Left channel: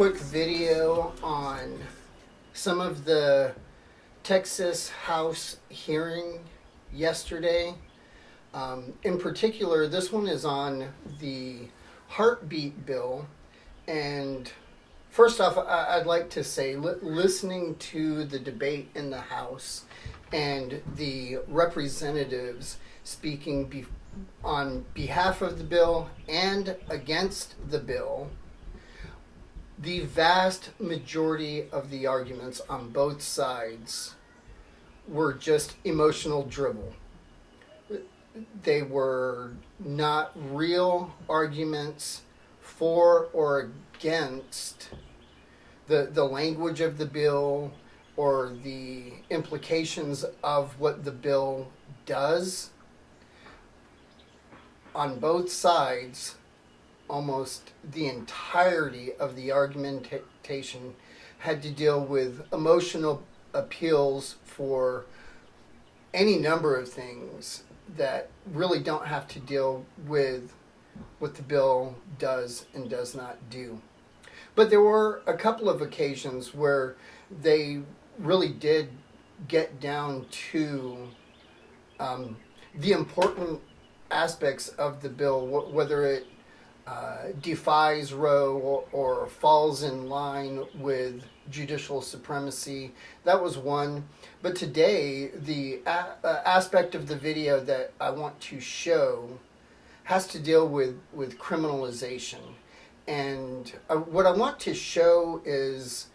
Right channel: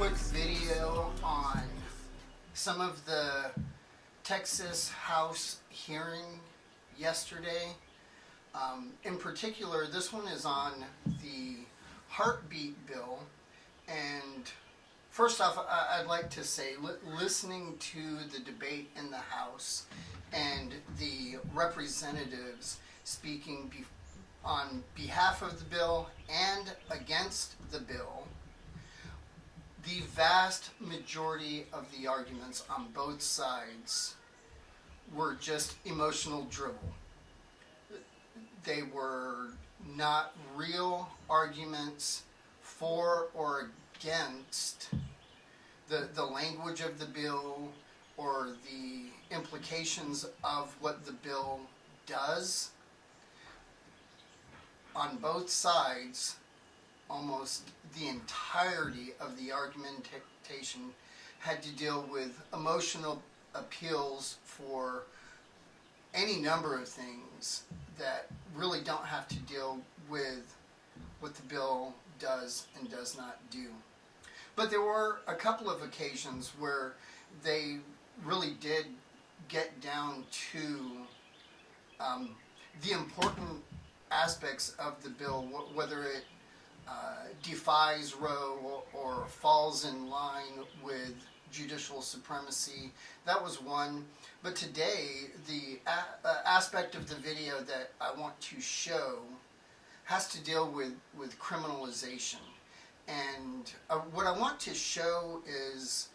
quick video on some of the Texas House hearing yesterday. In particular, this one is on the heartbeat bill. And first off, I'd like to say, listening to the debate in the House and the representatives speaking on behalf of the bill and against the bill, the vast majority of the arguments on both sides were just emotional dribble. They were not real arguments for or against the language of the bill or the implications of what the bill does. On both sides, almost the entirety of the argumentation had to deal with emotional appeals for any number of things that really don't have to deal with what the bill does and does not do. But there were a couple of occasions where they really did get down to the important aspects of the bill, whether it defies Roe or falls in line with judicial supremacy. That was one. But today, the aspect of the video that I want to show has to deal with criminalization. And what I want to show is,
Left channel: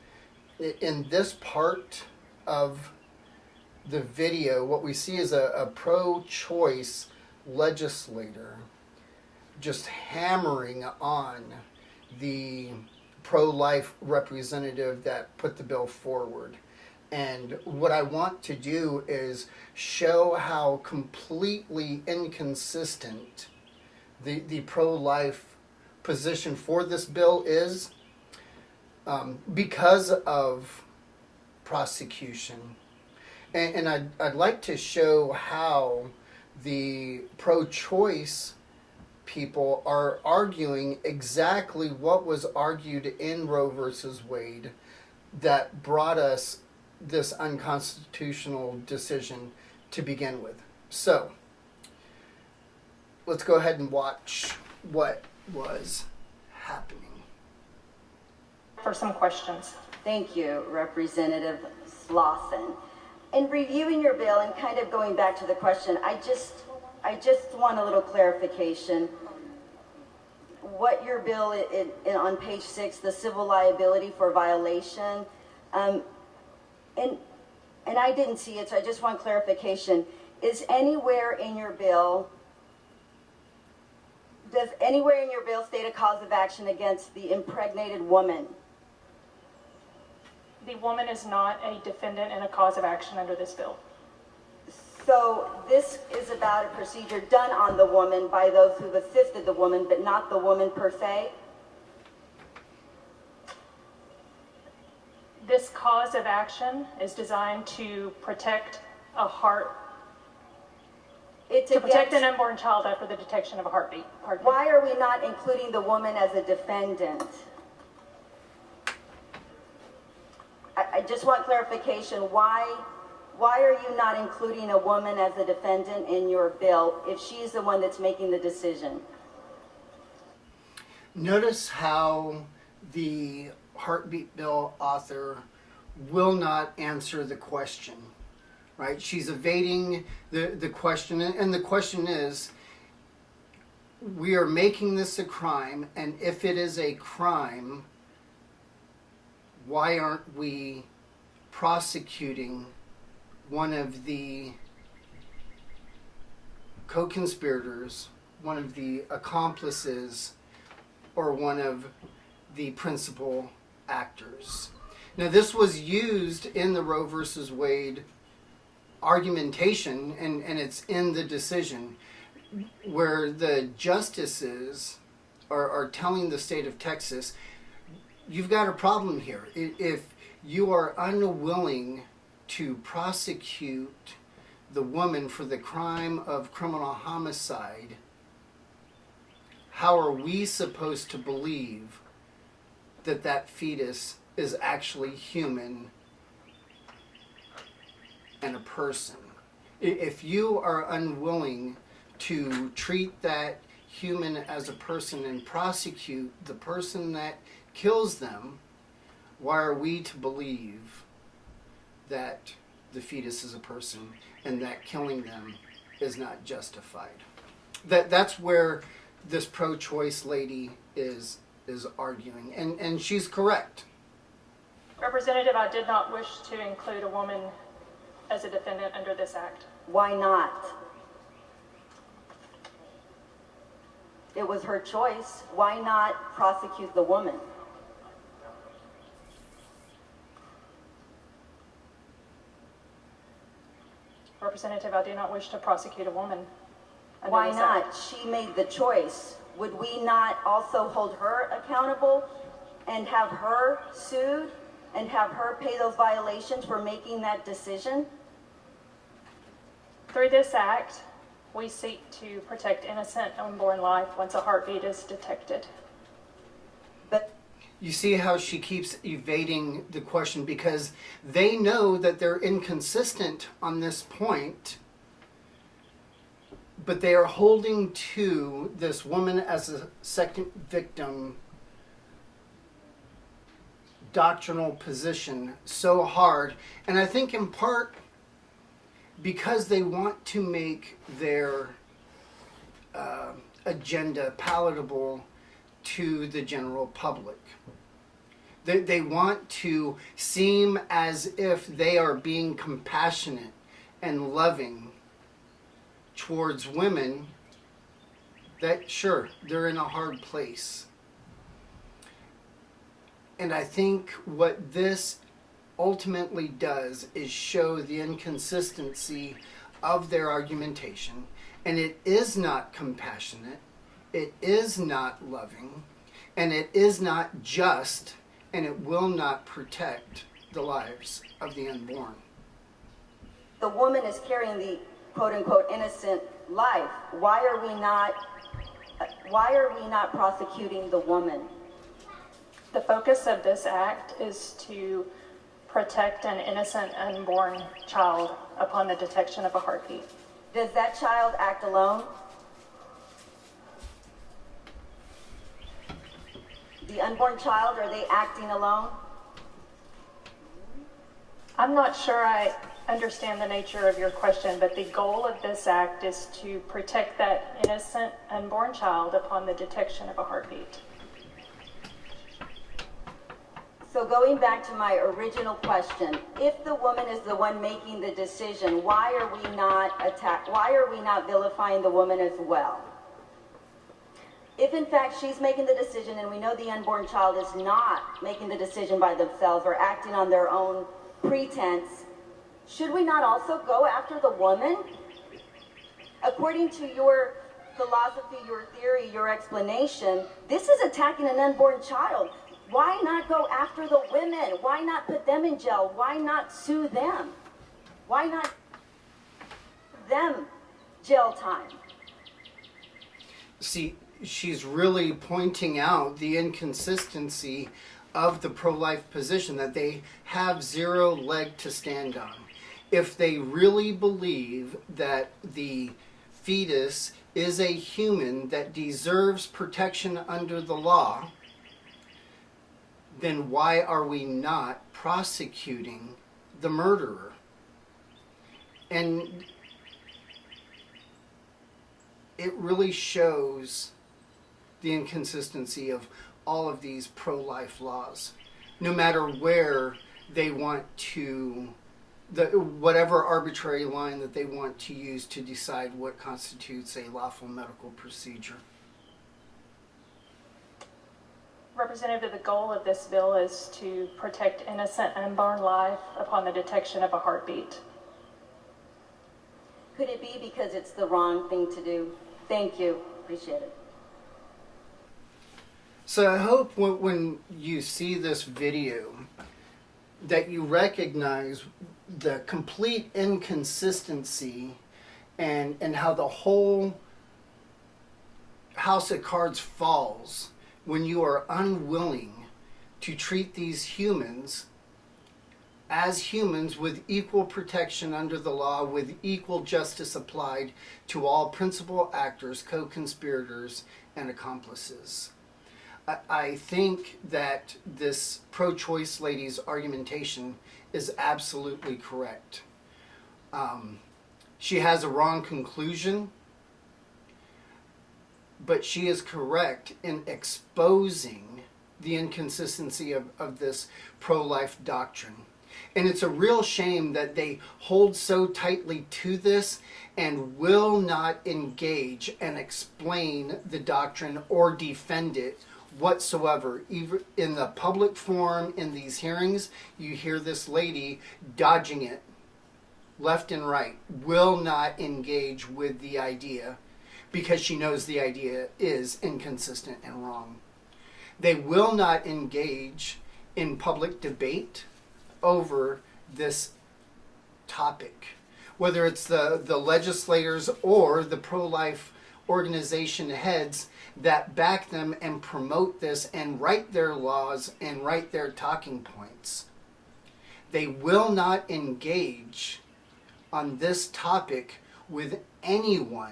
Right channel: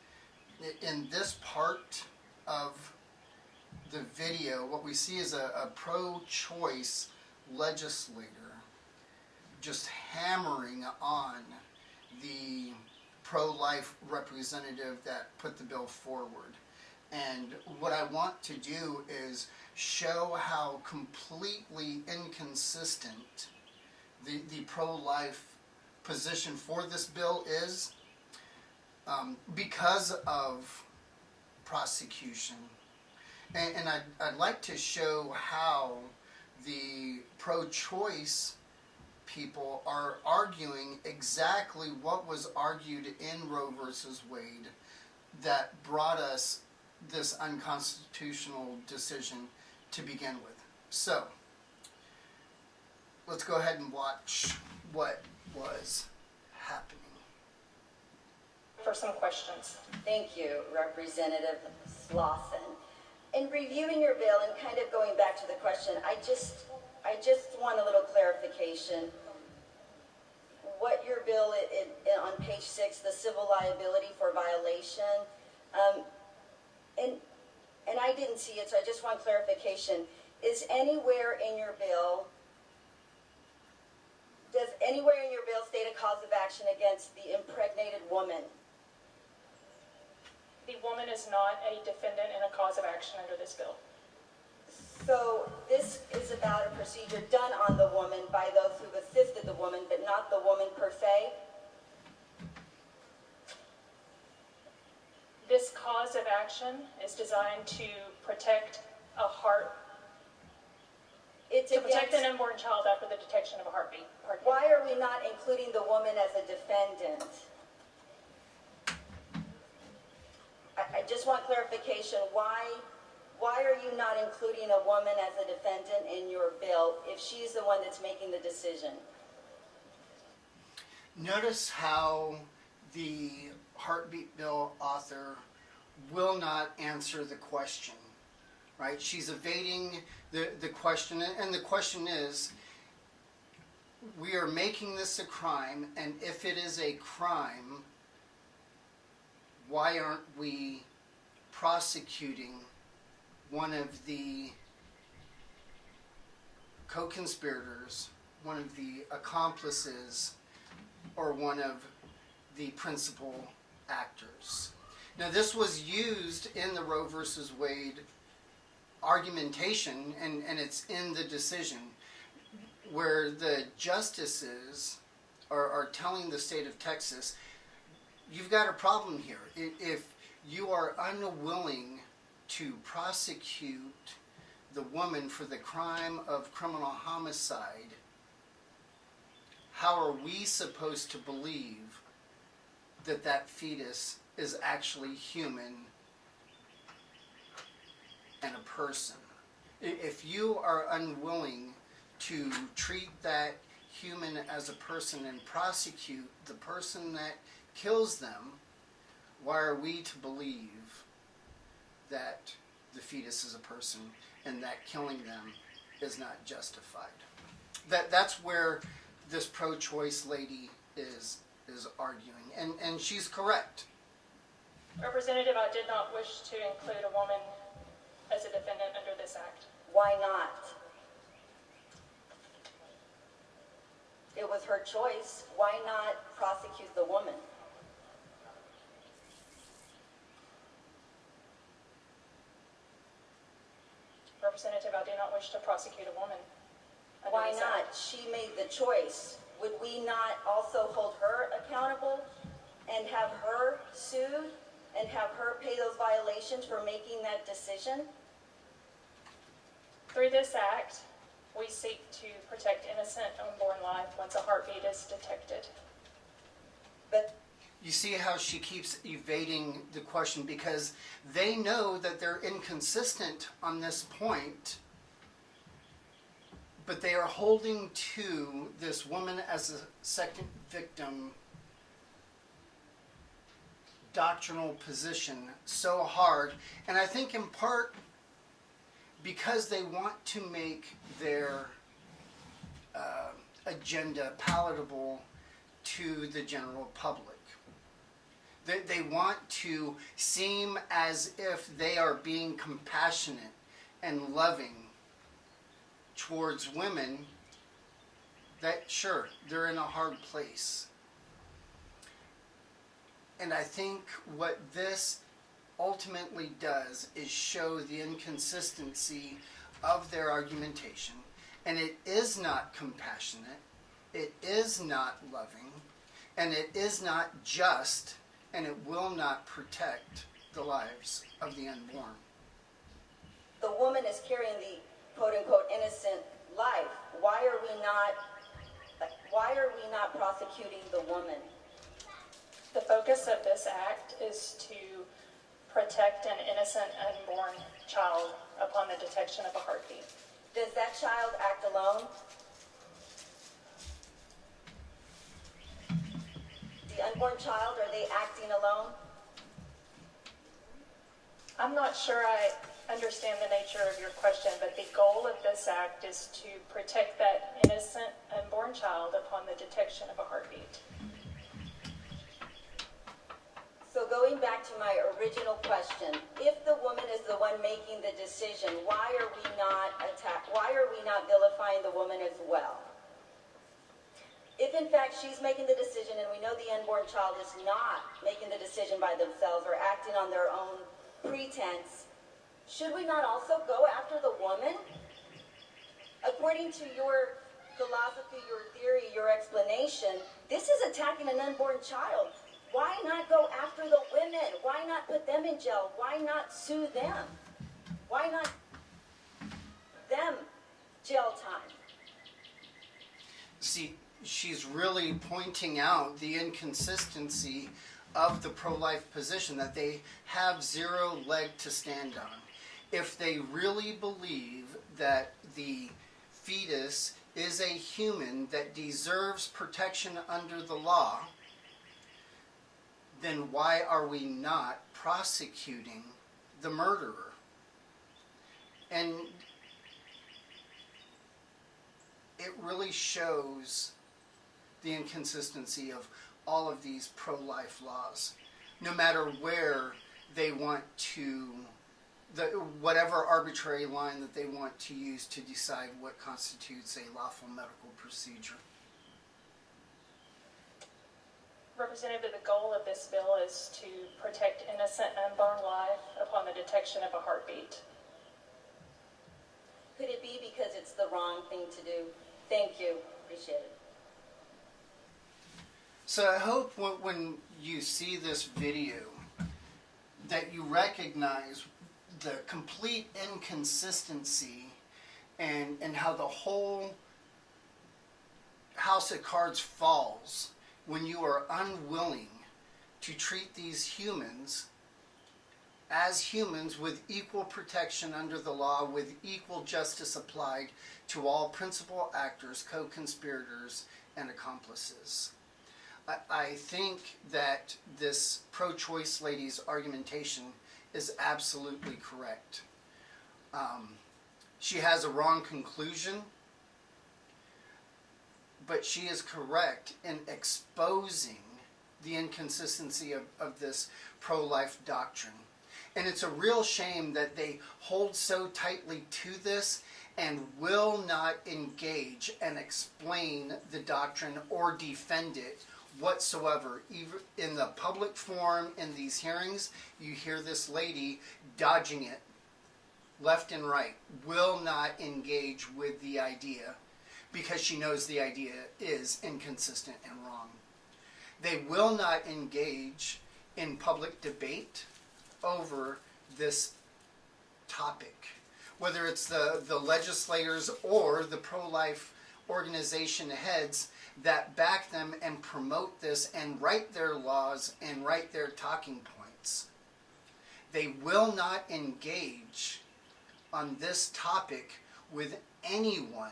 in this part of the video, what we see is a pro-choice legislator just hammering on the pro-life representative that put the bill forward. And what I want to do is show how completely inconsistent the pro-life position for this bill is because of prosecution. And I'd like to show how the pro-choice people are arguing exactly what was argued in Roe versus Wade that brought us this unconstitutional decision to begin with. So, let's go ahead and watch what was happening. For some questions. Thank you, Representative Slauson. In reviewing your bill and kind of going back to the question, I just want a little clarification. What your bill on page 6, the civil liability for violation, and I didn't see it, so I just want clarification. Is anywhere in your bill, does anywhere in your bill state a cause of action against the impregnated woman? The woman is not a defendant in a cause of action under this bill. So this is about a procedure done on the woman by those who've assisted the woman, but not the woman per se? This cause of action is designed to protect a heart, protect an unborn child after the detection of a heartbeat. Why are we not including the woman as a defendant? I just want clarification. Why are you not including a woman as a defendant in your bill if she's the one that's making the decision? Notice how the heartbeat bill author will not answer the question, right? She's evading the question, and the question is, we are making this a crime, and if it is a crime, why aren't we prosecuting one of the co-conspirators, one of the accomplices, or one of the principal actors? Now, this was used in the Roe versus Wade argumentation, and it's in the decision, where the justices are telling the state of Texas, you've got a problem here. If you are unwilling to prosecute the woman for the crime of criminal homicide, how are we supposed to believe that that fetus is actually human and a person. If you are unwilling to treat that human as a person and prosecute the person that kills them, why are we to believe that the fetus is a person and that killing them is not justified? That's where this pro-choice lady is arguing, and she's correct. Representative, I did not wish to include a woman as a defendant under this act. Why not? It was her choice. Why not prosecute the woman? Representative, I do not wish to prosecute a woman under Why this not? act. She made the choice. Would we not also hold her accountable and have her sued and have her pay those violations for making that decision? Through this act, we seek to protect innocent unborn life once a heartbeat is detected. But You see how she keeps evading the question because they know that they're inconsistent on this point, but they are holding to this woman as a second victim doctrinal position so hard. And I think in part because they want to make their agenda palatable to the general public. They want to seem as if they are being compassionate and loving towards women that, sure, they're in a hard place. And I think what this ultimately does is show the inconsistency of their argumentation. And it is not compassionate, it is not loving, and it is not just, and it will not protect the lives of the unborn. the woman is carrying the quote-unquote innocent life. Why are we not prosecuting the woman? The focus of this act is to protect an innocent unborn child upon the detection of a heartbeat. Does that child act alone? The unborn child, are they acting alone? I'm not sure I understand the nature of your question, but the goal of this act is to protect that innocent unborn child upon the detection of a heartbeat. So going back to my original question, if the woman is the one making the decision, why are we not vilifying the woman as well? If in fact she's making the decision and we know the unborn child is not making the decision by themselves or acting on their own pretense, should we not also go after the woman? According to your philosophy, your theory, your explanation, this is attacking an unborn child. Why not go after the women? Why not put them in jail? Why not sue them? Why not give them jail time? See, she's really pointing out the inconsistency of the pro-life position, that they have zero leg to stand on. If they really believe that the fetus is a human that deserves protection under the law, then why are we not prosecuting the murderer? And it really shows the inconsistency of all of these pro-life laws. No matter where they want to, whatever arbitrary line that they want to use to decide what constitutes a lawful medical procedure. Representative, the goal of this bill is to protect innocent unborn life upon the detection of a heartbeat. Could it be because it's the wrong thing to do? Thank you. Appreciate it. So I hope when you see this video that you recognize the complete inconsistency and how the whole house of cards falls when you are unwilling to treat these humans as humans with equal protection under the law, with equal justice applied to all principal actors, co-conspirators, and accomplices. I think that this pro-choice lady's argumentation is absolutely correct. She has a wrong conclusion, but she is correct in exposing the inconsistency of this pro-life doctrine. And it's a real shame that they hold so tightly to this and will not engage and explain the doctrine or defend it whatsoever. Even in the public forum, in these hearings, you hear this lady dodging it left and right, will not engage with the idea because she knows the idea is inconsistent and wrong. They will not engage in public debate over this topic, whether it's the legislators or the pro-life organization heads that back them and promote this and write their laws and write their talking points. They will not engage on this topic with anyone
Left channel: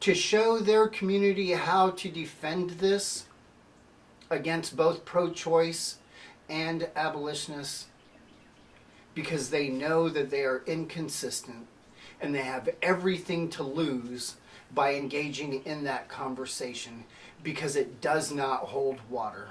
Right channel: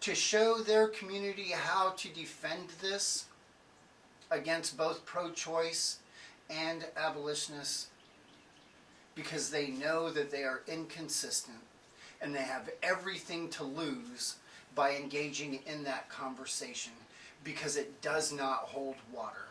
to show their community how to defend this against both pro-choice and abolitionists, because they know that they are inconsistent and they have everything to lose by engaging in that conversation, because it does not hold water.